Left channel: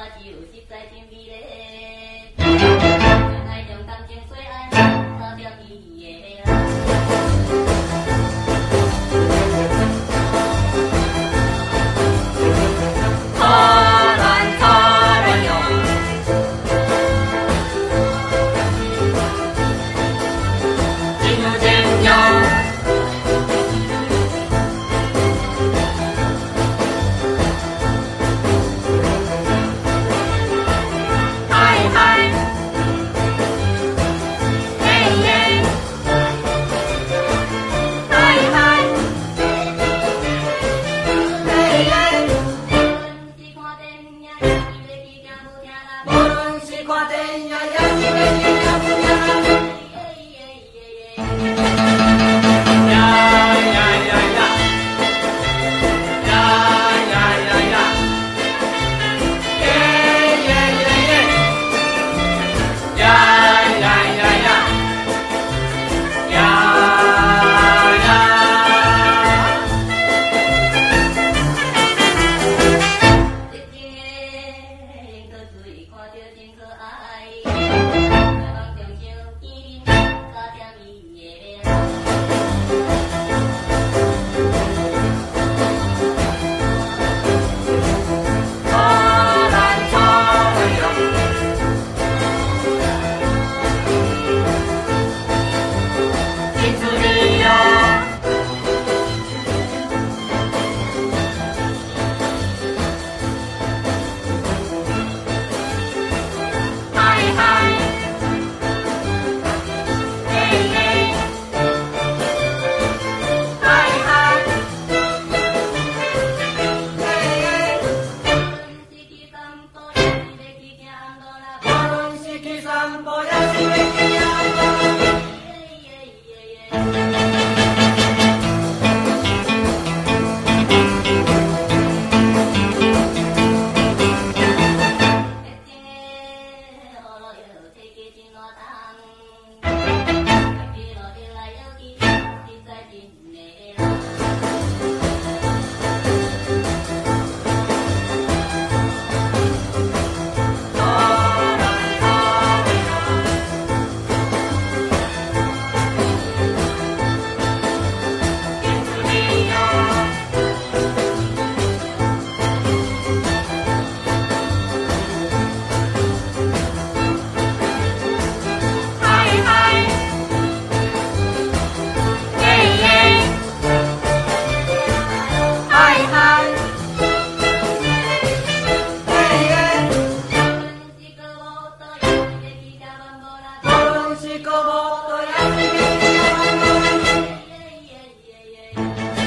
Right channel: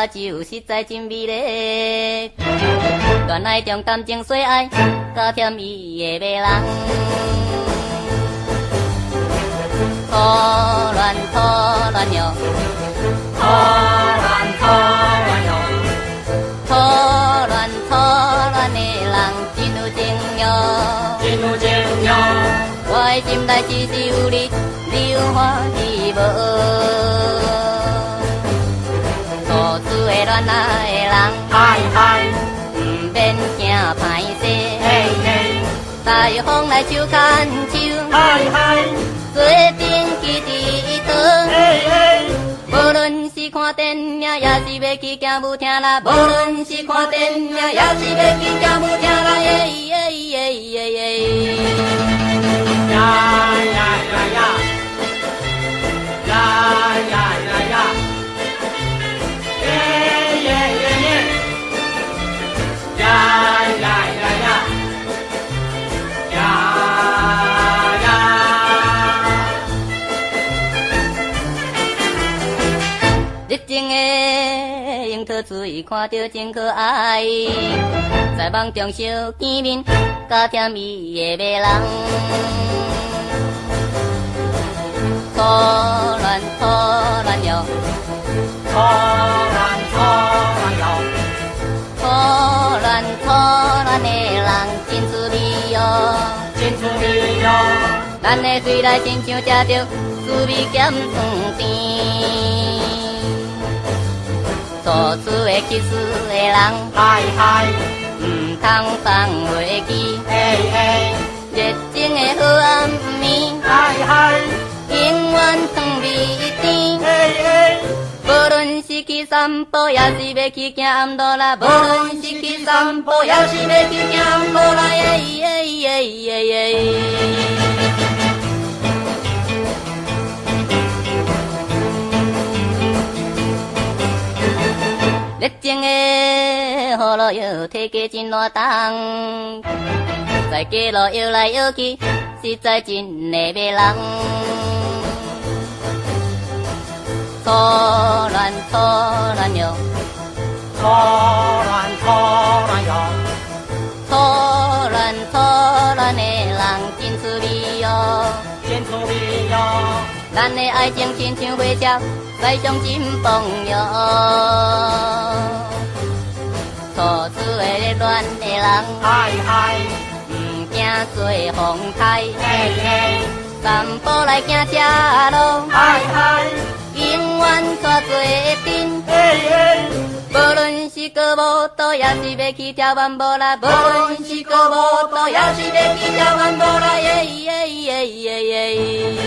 花酒实在真美丽，恋爱中感情细爱，加添伊的迷人。可恋可恋哟，可恋可恋哟，可恋可恋的人真有情哟，真有情哟。我的心内只是有你，你有我是无。不听啦，无论是看电影，也是要去听不听啦，耶耶耶耶耶。呀呀呀呀，呀呀呀呀，耶耶耶耶，呀呀呀呀，呀呀。热情的。可水看着真可爱，在梦中相见面，加甜蜜的迷人。可恋可恋哟，可恋可恋哟，可恋可恋的人真滋味哟，真滋味哟。咱的嘴内亲像吃着滋味咸汤甜。做出的其实的人，嗨嗨，唔通放袂记，嘿嘿，热情的好暗暝，嗨嗨，永远长美甜，嘿嘿。无论是去散步，也是要去行暗路啦；无论是去散步，也是要去行暗路啦，耶耶耶耶耶。热情的雨路摇，体格真活动，在街路摇来摇去，实在真的迷人。可恋可恋哟，可恋可恋哟，可恋可恋的人真滋味哟，真滋味哟。咱的爱情亲像火烧，来将心动哟。去跳完步啦，无论是歌舞蹈，也是要去跳完步啦，耶耶耶耶耶。